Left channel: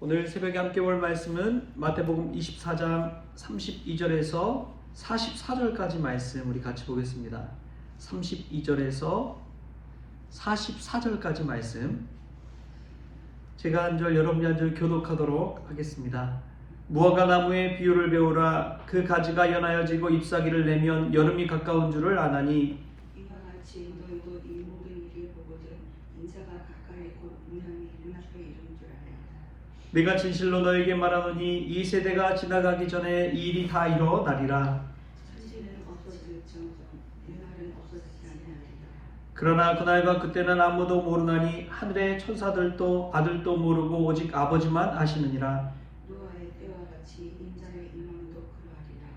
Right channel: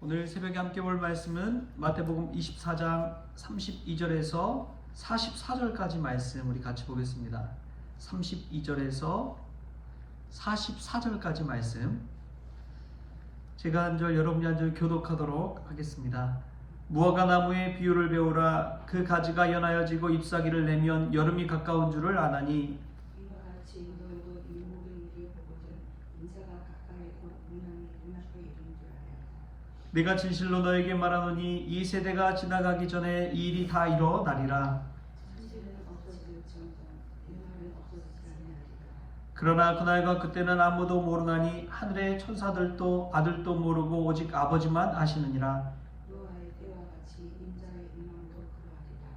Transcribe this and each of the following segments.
오늘 새벽에 함께 볼 말씀은 마태복음 24장 32절에서 44절까지 말씀 우리 같이 보겠습니다. 32절에서 44절까지 말씀 제가 한 절 여러분이 한 절 교독하도록 하겠습니다. 무화과 나무의 비유를 배우라. 그 가지가 연하여지고 잎사귀를 내면 여름이 가까운 줄을 아나니 이와 같이 너희도 이 모든 일을 보거든 인자가 가까이 곧 문양이 눈앞에 이른 줄 알라. 내가 진실로 너에게 말하노니 이 세대가 지나가기 전에 이 일이 다 일어나리라. 천지는 없어질지언정 내 말은 없어지지 아니하리라. 그러나 그날과 그때는 아무도 모르나니 하늘의 천사들도 아들도 모르고 오직 아버지만 아시느니라. 노아의 때와 같이 인자의 임함도 그러하리라.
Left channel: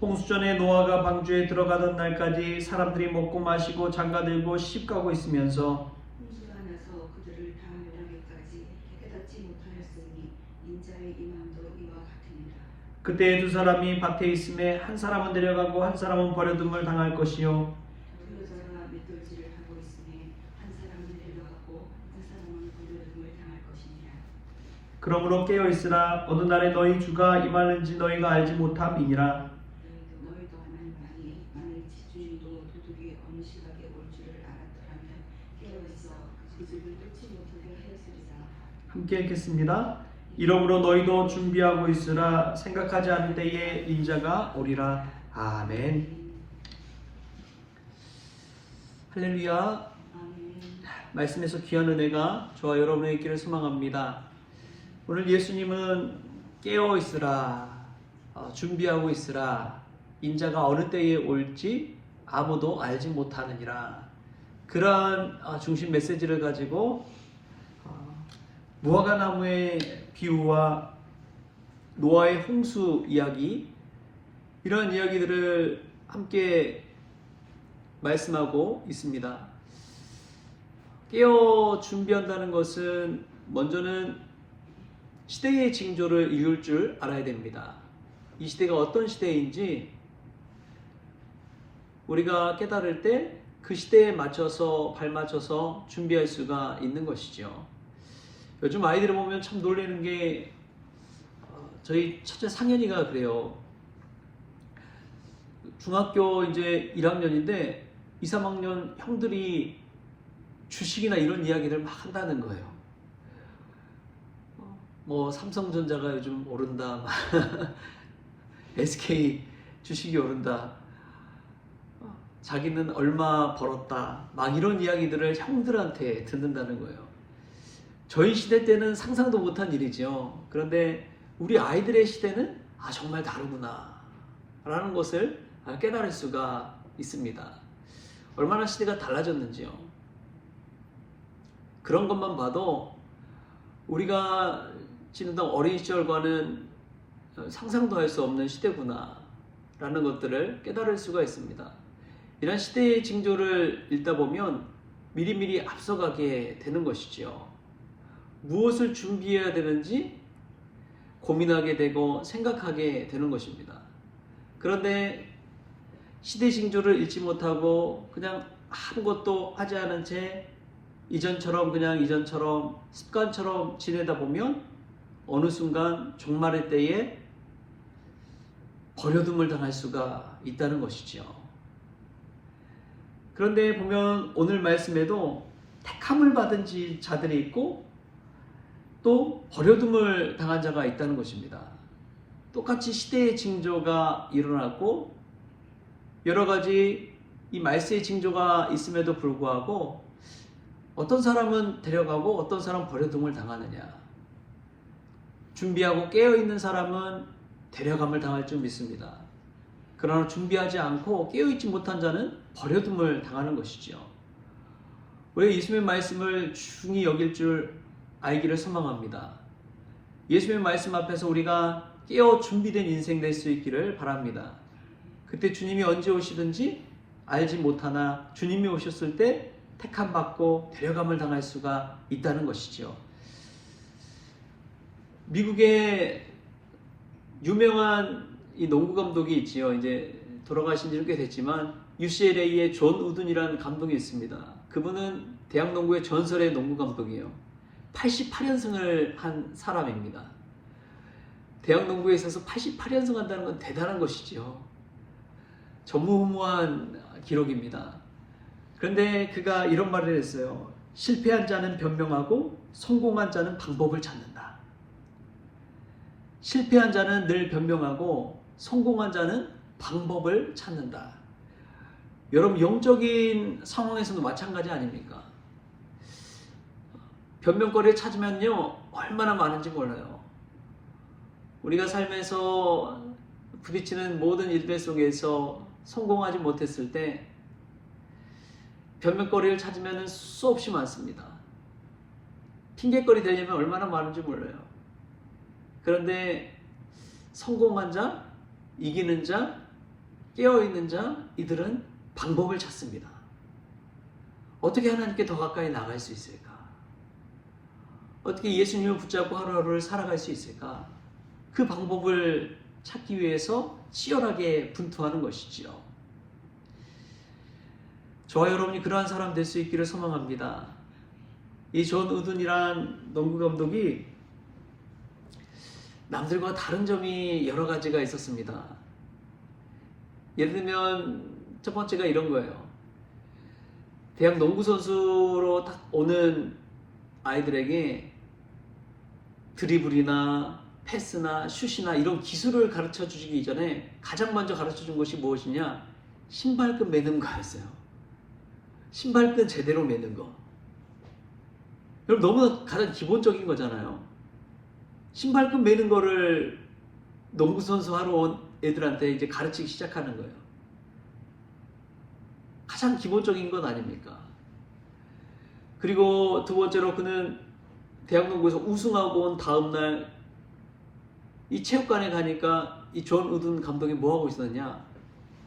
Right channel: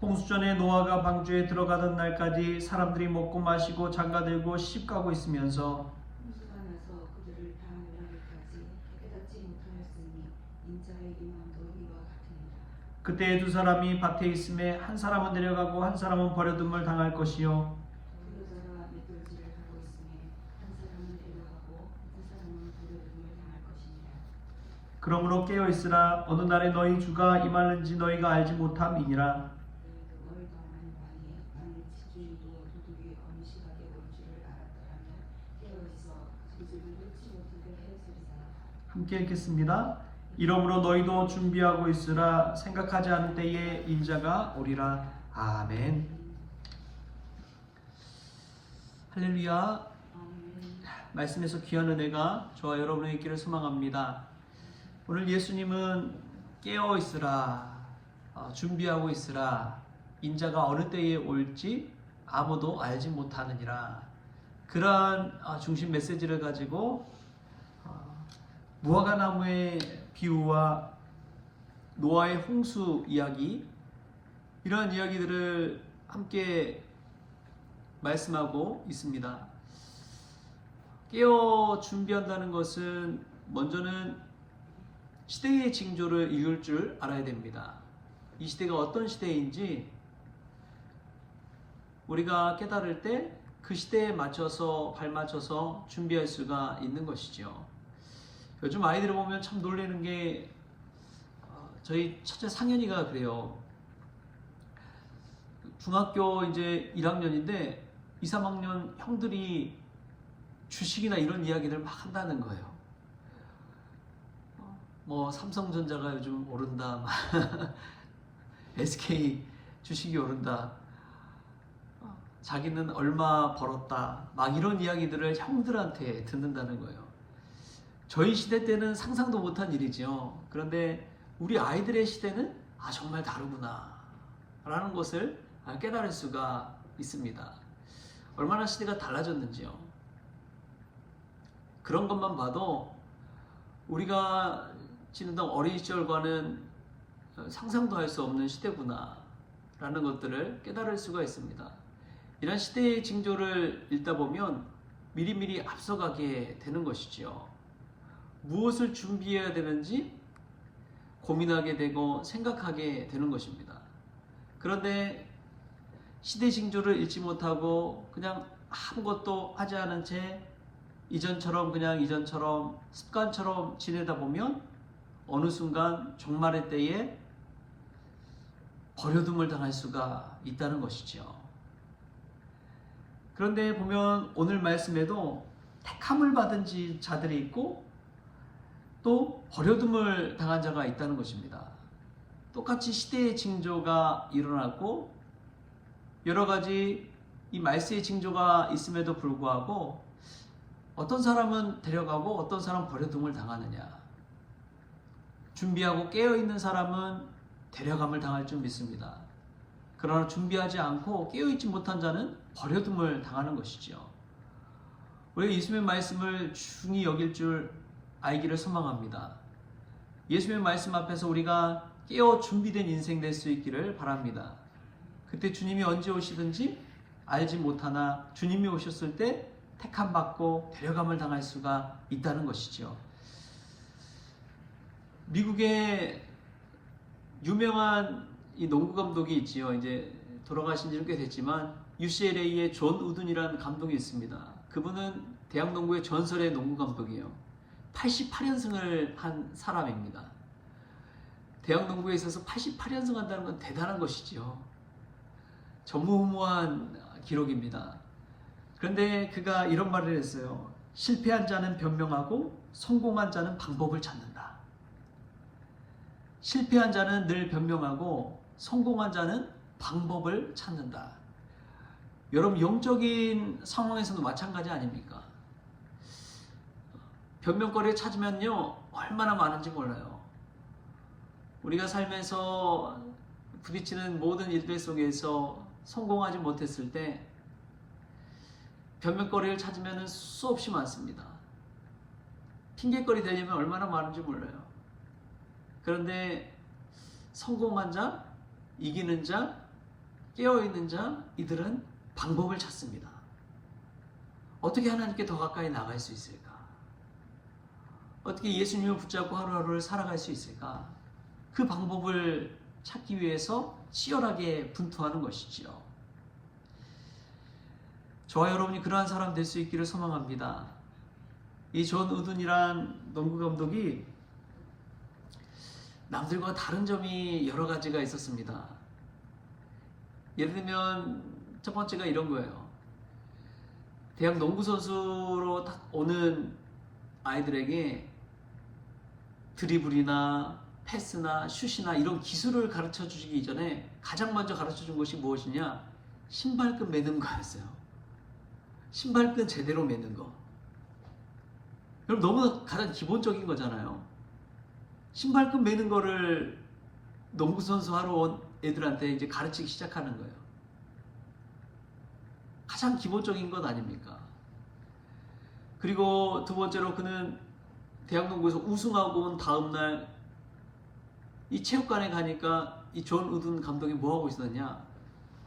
홍수전에 노아가 방주에 들어가던 날까지 사람들이 먹고 마시고 장가들고 시집가고 있으면서 홍수가 나서 그들을 다 멸하기까지 깨닫지 못하였으니 인자의 임함도 이와 같으니라. 그때 두 사람이 밭에 있음에 한 사람은 데려가고 한 사람은 버려둠을 당할 것이요 두 여자가 맷돌질을 하고 있으니 한 사람은 데려가고 한 사람은 버려둠을 당할 것이니라. 그러므로 깨어 있으라. 어느 날에 너희 주가 임하는지 너희가 알지 못함이니라. 너희도 만일 지주인도 도둑이 어느 시각에 올 줄을 알았더라면 깨어있어 그 집을 뚫지 못하게 하였으리라. 함께 읽겠습니다. 이러므로 너희도 준비하고 있으라. 생각하지 않은 때에 인자가 오리라. 아멘. 할렐루야. 아멘. 말씀에서 귀한 은혜가 저와 여러분의 있기를 소망합니다. 오늘 예수님은 깨어 있으라, 준비하고 있으라, 인자가 어느 때에 올지 아무도 알지 못하느니라. 그러한 중심 메시지를 가지고 무화과 나무의 비유와 노아의 홍수 이야기, 이런 이야기들을 함께 말씀하고 있습니다. 깨어 준비한다는 것은 먼저는 시대의 징조를 이룰 줄 알아야 됩니다. 이 시대가 어떤 시대인지 우리가 깨달을 때 그 시대에 맞춰서 발맞춰서 준비할 수가 있는 것이죠. 요즘 아이들을 보면 참 놀라는 게 저희 첫째 상현이가 그래요. 중학교 이제 1학년인데 2, 3학년 형들이 주식이나 이런 이야기를 막 한다는 거예요. 뭐 삼성전자가 요즘 오른다, SK 주식이 오른다, 자기는 얼마 벌었다, 막 이런 이야기들을 형들한테 듣는다는 거예요. 저희 시대 때는 상상도 못한 일이죠. 그런데 우리 아이들의 시대는 정말 다르구나 라는 것을 깨달을 수가 있습니다. 얼마나 시대가 달라졌는지요. 그런 것만 봐도 우리가 지내던 어린 시절과는 상상도 할 수 없는 시대구나 라는 것들을 깨달을 수가 있습니다. 이런 시대의 징조를 읽다 보면 미리미리 앞서가게 되는 것이죠. 무엇을 준비해야 되는지 고민하게 되고 생각하게 되는 것입니다. 그런데 시대 징조를 읽지 못하고 그냥 아무것도 하지 않은 채 이전처럼 습관처럼 지내다 보면 어느 순간 종말의 때에 버려둠을 당할 수가 있다는 것이죠. 그런데 보면 오늘 말씀에도 택함을 받은 자들이 있고 또 버려둠을 당한 자가 있다는 것입니다. 똑같이 시대의 징조가 일어났고 여러 가지 이 말세의 징조가 있음에도 불구하고 어떤 사람은 데려가고 어떤 사람은 버려둠을 당하느냐. 준비하고 깨어있는 사람은 데려감을 당할 줄 믿습니다. 그러나 준비하지 않고 깨어있지 못한 자는 버려둠을 당하는 것이죠. 우리가 예수님의 말씀을 중히 여길 줄 알기를 소망합니다. 예수님의 말씀 앞에서 우리가 깨어 준비된 인생 될 수 있기를 바랍니다. 그때 주님이 언제 오시든지 알지 못하나 주님이 오셨을 때 택함 받고 데려감을 당할 수가 있다는 것이죠. 미국의 유명한 이 농구 감독이 있지요. 이제 돌아가신 지는 꽤 됐지만 UCLA의 존 우든이라는 감독이 있습니다. 그분은 대학 농구의 전설의 농구 감독이에요. 88연승을 한 사람입니다. 대학 농구에 있어서 88연승 한다는 건 대단한 것이죠. 전무후무한 기록입니다. 그런데 그가 이런 말을 했어요. 실패한 자는 변명하고 성공한 자는 방법을 찾는다. 실패한 자는 늘 변명하고 성공한 자는 방법을 찾는다. 여러분, 영적인 상황에서도 마찬가지 아닙니까? 변명거리를 찾으면요, 얼마나 많은지 몰라요. 우리가 삶에서 부딪히는 모든 일들 속에서 성공하지 못했을 때 변명거리를 찾으면 수없이 많습니다. 핑계거리 되려면 얼마나 많은지 몰라요. 그런데 성공한 자, 이기는 자, 깨어있는 자, 이들은 방법을 찾습니다. 어떻게 하나님께 더 가까이 나갈 수 있을까? 어떻게 예수님을 붙잡고 하루하루를 살아갈 수 있을까? 그 방법을 찾기 위해서 치열하게 분투하는 것이지요. 저와 여러분이 그러한 사람 될 수 있기를 소망합니다. 이 존 우든이란 농구 감독이 남들과 다른 점이 여러 가지가 있었습니다. 예를 들면 첫 번째가 이런 거예요. 대학 농구 선수로 딱 오는 아이들에게 드리블이나 패스나 슛이나 이런 기술을 가르쳐 주기 전에 가장 먼저 가르쳐 준 것이 무엇이냐? 신발끈 매는 거였어요. 신발끈 제대로 매는 거. 여러분, 너무나 가장 기본적인 거잖아요. 신발끈 매는 거를 농구 선수 하러 온 애들한테 이제 가르치기 시작하는 거예요. 가장 기본적인 건 아닙니까? 그리고 두 번째로 그는 대학 농구에서 우승하고 온 다음날 이 체육관에 가니까 이 존 우든 감독이 뭐 하고 있었냐?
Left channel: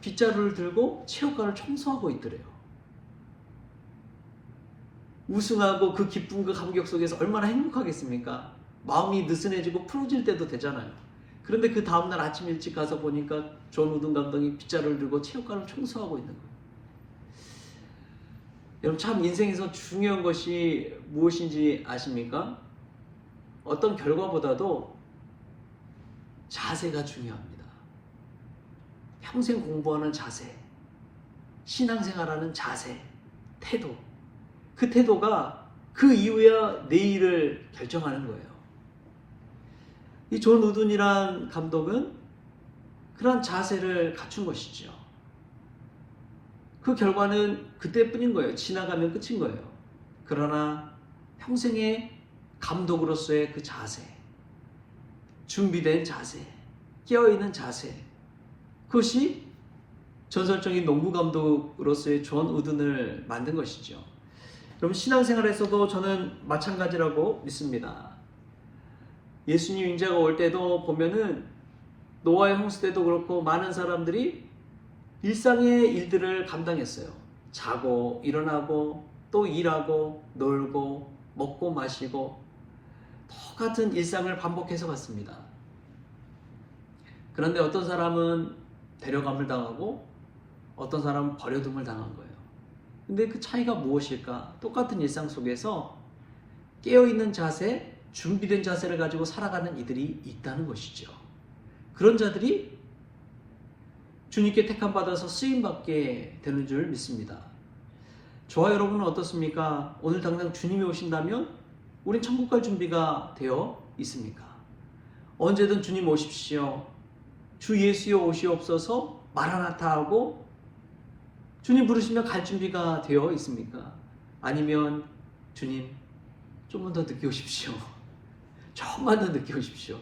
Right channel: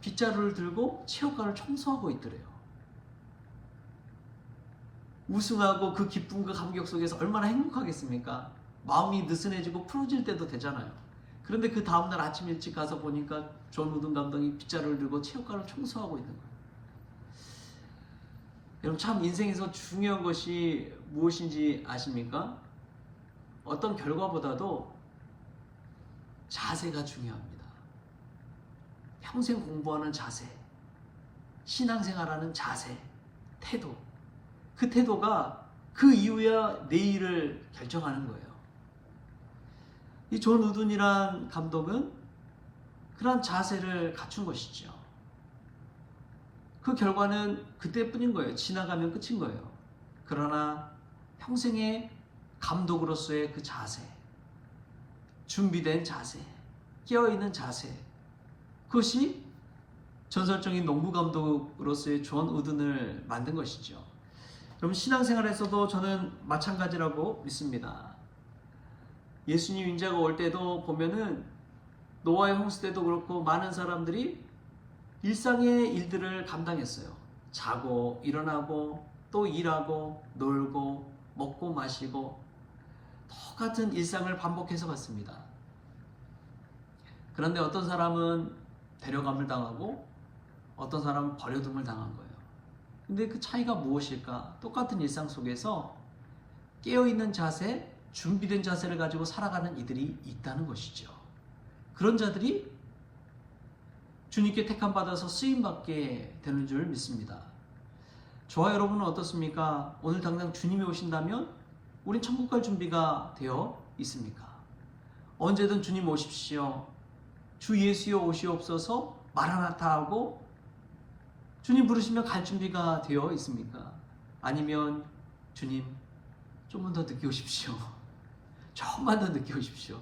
빗자루를 들고 체육관을 청소하고 있더래요. 우승하고 그 기쁨, 그 감격 속에서 얼마나 행복하겠습니까? 마음이 느슨해지고 풀어질 때도 되잖아요. 그런데 그 다음날 아침 일찍 가서 보니까 존 우든 감독이 빗자루를 들고 체육관을 청소하고 있는 거예요. 여러분, 참 인생에서 중요한 것이 무엇인지 아십니까? 어떤 결과보다도 자세가 중요합니다. 평생 공부하는 자세, 신앙생활하는 자세, 태도. 그 태도가 그 이후야 내일을 결정하는 거예요. 이 존 우든이란 감독은 그런 자세를 갖춘 것이죠. 그 결과는 그때뿐인 거예요. 지나가면 끝인 거예요. 그러나 평생의 감독으로서의 그 자세, 준비된 자세, 깨어있는 자세, 그것이 전설적인 농구 감독으로서의 존 우든을 만든 것이죠. 여러분, 신앙생활에서도 저는 마찬가지라고 믿습니다. 예수님 인자가 올 때도 보면은 노아의 홍수 때도 그렇고 많은 사람들이 일상의 일들을 감당했어요. 자고 일어나고 또 일하고 놀고 먹고 마시고 똑같은 일상을 반복해서 갔습니다. 그런데 어떤 사람은 데려감을 당하고 어떤 사람은 버려둠을 당한 거예요. 근데 그 차이가 무엇일까? 똑같은 일상 속에서 깨어있는 자세, 준비된 자세를 가지고 살아가는 이들이 있다는 것이죠. 그런 자들이 주님께 택함받아서 쓰임받게 되는 줄 믿습니다. 저와 여러분은 어떻습니까? 오늘 당장 주님이 오신다면 우린 천국 갈 준비가 되어 있습니까? 언제든 주님 오십시오. 주 예수여 오시옵소서 마라나타 하고 주님 부르시면 갈 준비가 되어 있습니까? 아니면 주님 좀만 더 늦게 오십시오. 조금만 더 늦게 오십시오.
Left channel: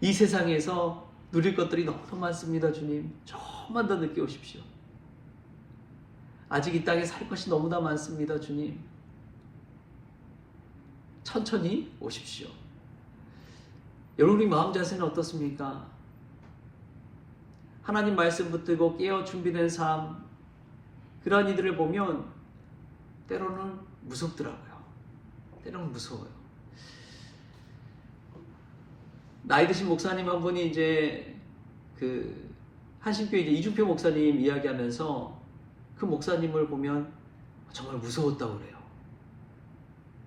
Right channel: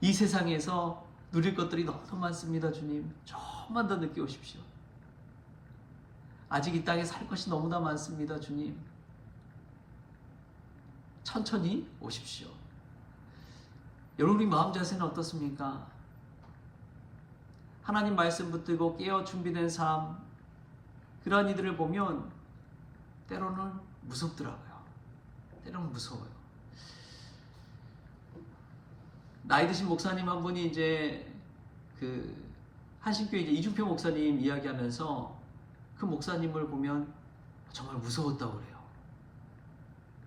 이 세상에서 누릴 것들이 너무 많습니다. 주님 조금만 더 늦게 오십시오. 아직 이 땅에 살 것이 너무나 많습니다. 주님 천천히 오십시오. 여러분, 우리 마음 자세는 어떻습니까? 하나님 말씀 붙들고 깨어 준비된 삶, 그러한 이들을 보면 때로는 무섭더라고요. 때로는 무서워요. 나이 드신 목사님 한 분이 이제 그 한신교회 이제 이중표 목사님 이야기하면서 그 목사님을 보면 정말 무서웠다고 그래요.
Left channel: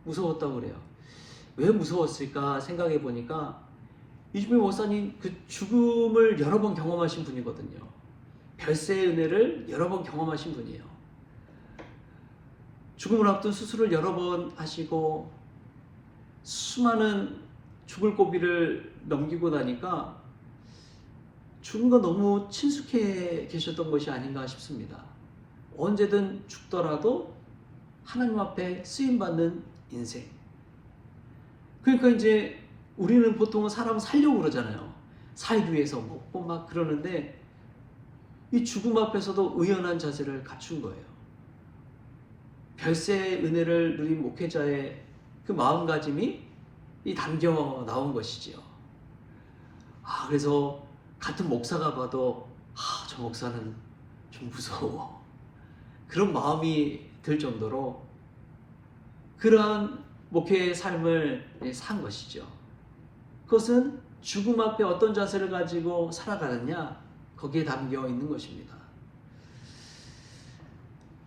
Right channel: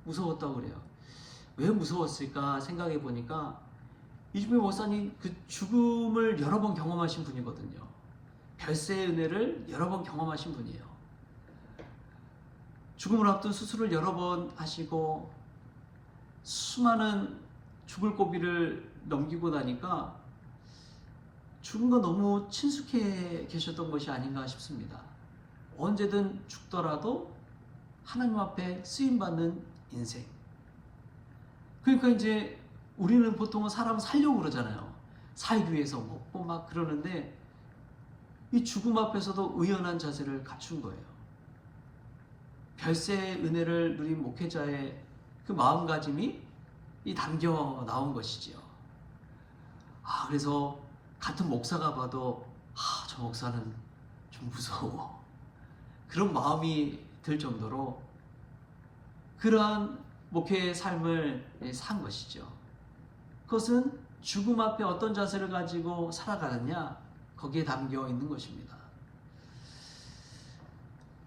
무서웠다고 그래요. 왜 무서웠을까 생각해 보니까 이주미 목사님 그 죽음을 여러 번 경험하신 분이거든요. 별세의 은혜를 여러 번 경험하신 분이에요. 죽음을 앞둔 수술을 여러 번 하시고 수많은 죽을 고비를 넘기고 나니까 죽음과 너무 친숙해 계셨던 것이 아닌가 싶습니다. 언제든 죽더라도 하나님 앞에 쓰임받는 인생. 그러니까 이제 우리는 보통은 사람 살려고 그러잖아요. 살기 위해서 먹고 막 그러는데 이 죽음 앞에서도 의연한 자세를 갖춘 거예요. 별세의 은혜를 누린 목회자의 그 마음가짐이 이 담겨 나온 것이지요. 그래서 같은 목사가 봐도 저 목사는 좀 무서워. 그런 마음이 들 정도로 그러한 목회의 삶을 산 것이죠. 그것은 죽음 앞에 어떤 자세를 가지고 살아가느냐, 거기에 담겨 있는 것입니다.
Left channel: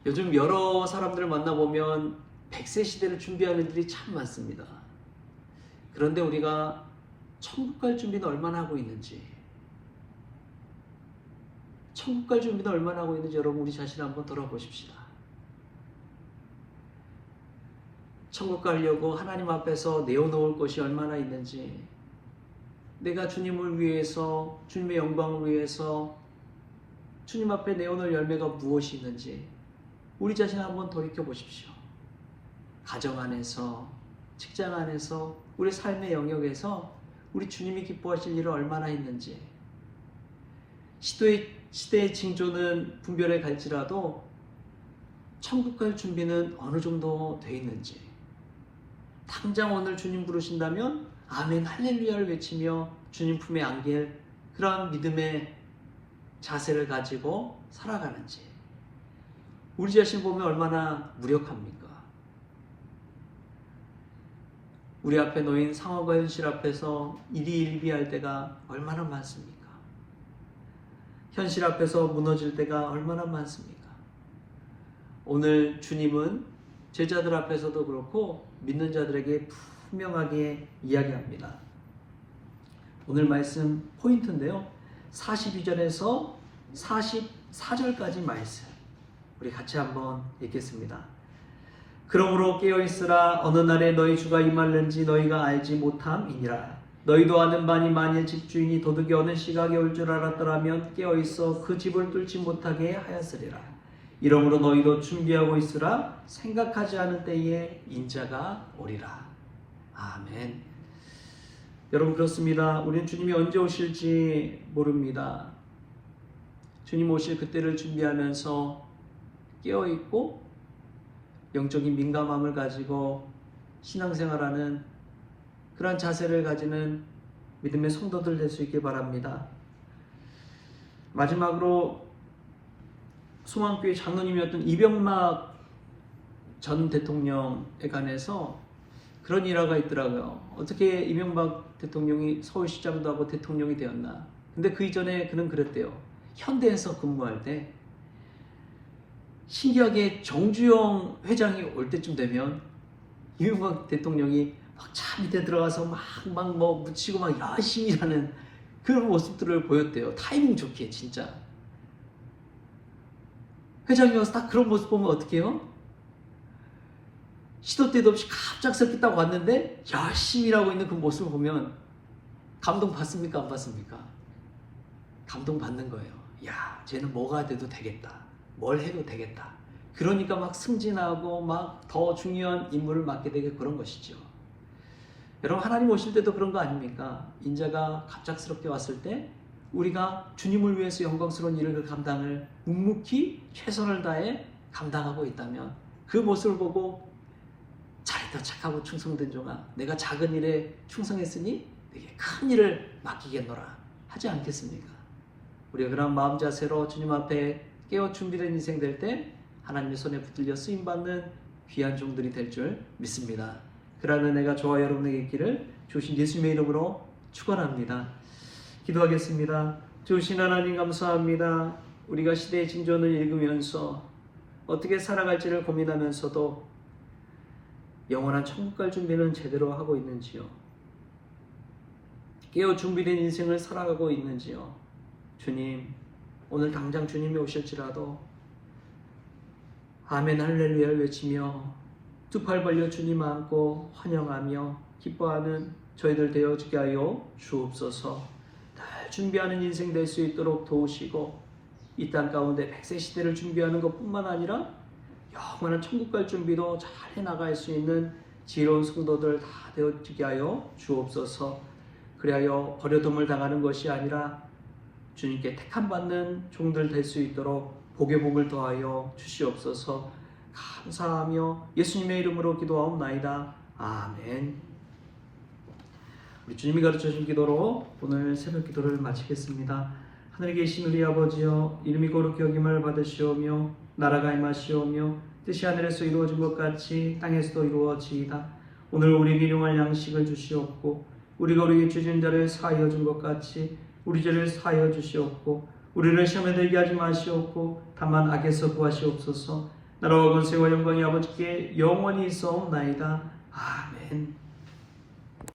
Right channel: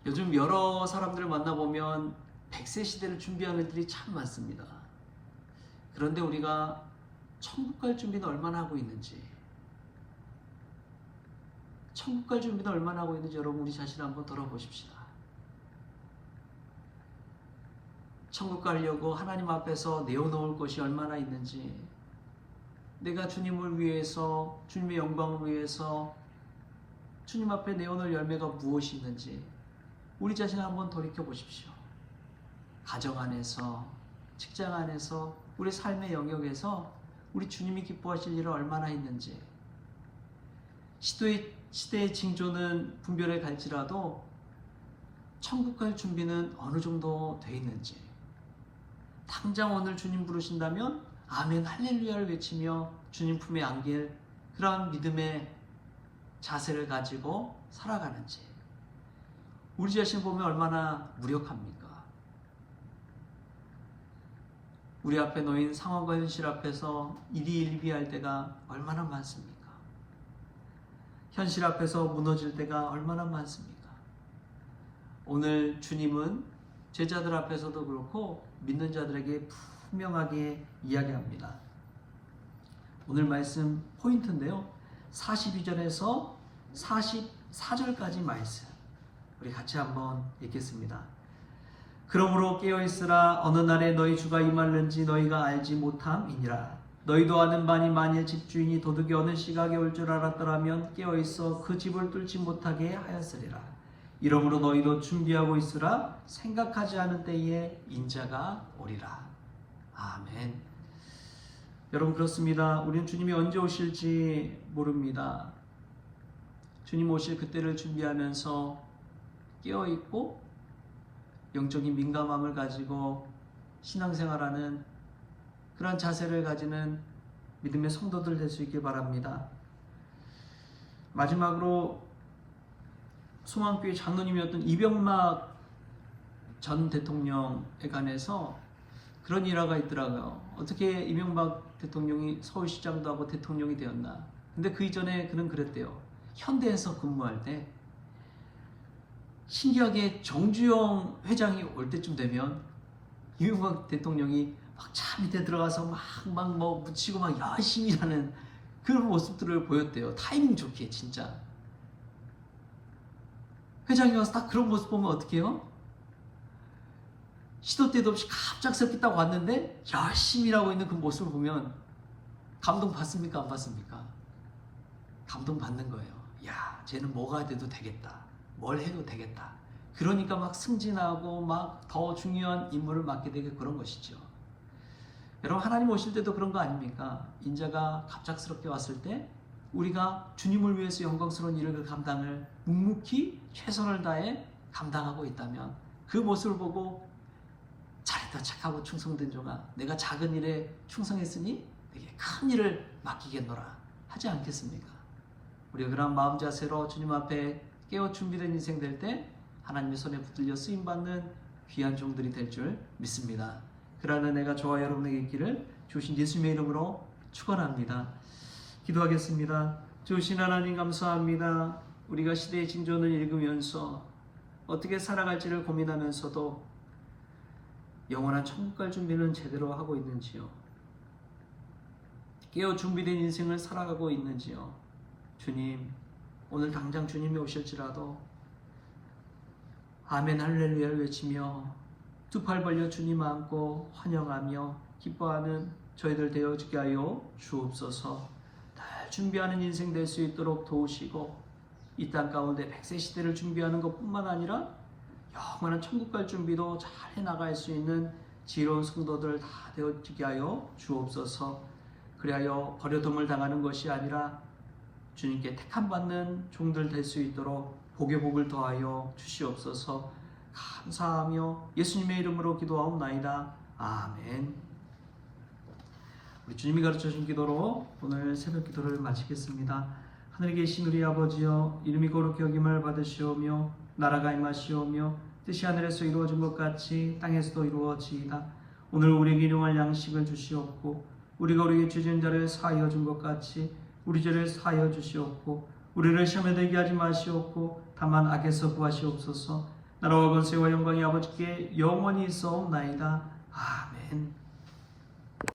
요즘 여러 사람들을 만나보면 100세 시대를 준비하는 일이 참 많습니다. 그런데 우리가 천국 갈 준비는 얼마나 하고 있는지, 천국 갈 준비는 얼마나 하고 있는지 여러분 우리 자신을 한번 돌아보십시다. 천국 가려고 하나님 앞에서 내어놓을 것이 얼마나 있는지, 내가 주님을 위해서, 주님의 영광을 위해서 주님 앞에 내어놓을 열매가 무엇이 있는지 우리 자신을 한번 돌이켜 보십시오. 가정 안에서, 직장 안에서, 우리 삶의 영역에서 우리 주님이 기뻐하실 일은 얼마나 있는지, 시대의 징조는 분별해 갈지라도 천국 갈 준비는 어느 정도 돼 있는지, 당장 오늘 주님 부르신다면 아멘 할렐루야를 외치며 주님 품에 안길 그러한 믿음의 자세를 가지고 살아가는지, 우리 자신 보면 얼마나 무력합니까? 우리 앞에 놓인 상황과 현실 앞에서 일희일비할 때가 얼마나 많습니까? 현실 앞에서 무너질 때가 얼마나 많습니까? 오늘 주님은 제자들 앞에서도 그렇고 믿는 자들에게 분명하게 이야기합니다. 오늘 말씀 포인트인데요. 42절에서 44절까지 말씀 우리 같이 한번 읽겠습니다. 그러므로 깨어있으라. 어느 날에 너희 주가 임할는지 너희가 알지 못함이니라. 너희도 아는 바니 만일 집주인이 도둑이 어느 시각에 올 줄 알았더라면 깨어있어 그 집을 뚫지 못하게 하였으리라. 이러므로 너희도 준비하고 있으라. 생각하지 않은 때에 인자가 오리라. 아멘. 여러분 그렇습니다. 우리는 주님이 언제 오실지 모릅니다. 주님 오실 그때를 준비하면서 깨어있고 영적인 민감함을 가지고 신앙생활하는 그러한 자세를 가지는 믿음의 성도들 될 수 있길 바랍니다. 마지막으로 소망교회 장로님이었던 이병막 전 대통령에 관해서 그런 일화가 있더라고요. 어떻게 이명박 대통령이 서울시장도 하고 대통령이 되었나. 근데 그 이전에 그는 그랬대요. 현대에서 근무할 때 신기하게 정주영 회장이 올 때쯤 되면 이명박 대통령이 막 차 밑에 들어가서 막 뭐 묻히고 막 열심히 일하는 그런 모습들을 보였대요. 타이밍 좋게 진짜. 회장이 와서 딱 그런 모습 보면 어떻게 해요? 시도 때도 없이 갑작스럽게 딱 왔는데 열심히 일하고 있는 그 모습을 보면 감동 받습니까? 안 받습니까? 감동 받는 거예요. 야, 쟤는 뭐가 돼도 되겠다. 뭘 해도 되겠다. 그러니까 막 승진하고 막 더 중요한 임무를 맡게 되게 그런 것이죠. 여러분 하나님 오실 때도 그런 거 아닙니까? 인자가 갑작스럽게 왔을 때 우리가 주님을 위해서 영광스러운 일을 그 감당을 묵묵히 최선을 다해 감당하고 있다면 그 모습을 보고 잘했다 착하고 충성된 종아, 내가 작은 일에 충성했으니 내게 큰 일을 맡기겠노라 하지 않겠습니까? 우리가 그런 마음 자세로 주님 앞에 깨어 준비된 인생 될 때 하나님의 손에 붙들려 쓰임받는 귀한 종들이 될 줄 믿습니다. 그러한 은혜가 저와 여러분에게 있기를 주신 예수님의 이름으로 축원합니다. 기도하겠습니다. 주신 하나님 감사합니다. 우리가 시대의 징조를 읽으면서 어떻게 살아갈지를 고민하면서도 영원한 천국 갈 준비는 제대로 하고 있는지요? 깨어 준비된 인생을 살아가고 있는지요? 주님, 오늘 당장 주님이 오실지라도 아멘 할렐루야를 외치며 두 팔 벌려 주님 안고 환영하며 기뻐하는 저희들 되어지게 하여 주옵소서. 늘 준비하는 인생 될 수 있도록 도우시고 이 땅 가운데 백세 시대를 준비하는 것뿐만 아니라 영원한 천국 갈 준비도 잘 해나갈 수 있는 지혜로운 성도들 다 되어지게 하여 주옵소서. 그리하여 버려둠을 당하는 것이 아니라 주님께 택함받는 종들 될 수 있도록 복의 복을 더하여 주시옵소서. 감사하며 예수님의 이름으로 기도하옵나이다. 아멘. 우리 주님이 가르쳐준 기도로 오늘 새벽 기도를 마치겠습니다. 하늘에 계신 우리 아버지여, 이름이 거룩히 여김을 받으시오며 나라가 임하시오며 뜻이 하늘에서 이루어진 것 같이 땅에서도 이루어지이다. 오늘 우리에게 일용할 양식을 주시옵고 우리가 우리에게 죄진 자를 사하여 준 것 같이 우리 죄를 사하여 주시옵고 우리를 시험에 들게 하지 마시옵고 다만 악에서 구하시옵소서. 나라와 권세와 영광이 아버지께 영원히 있어옵나이다. 아멘.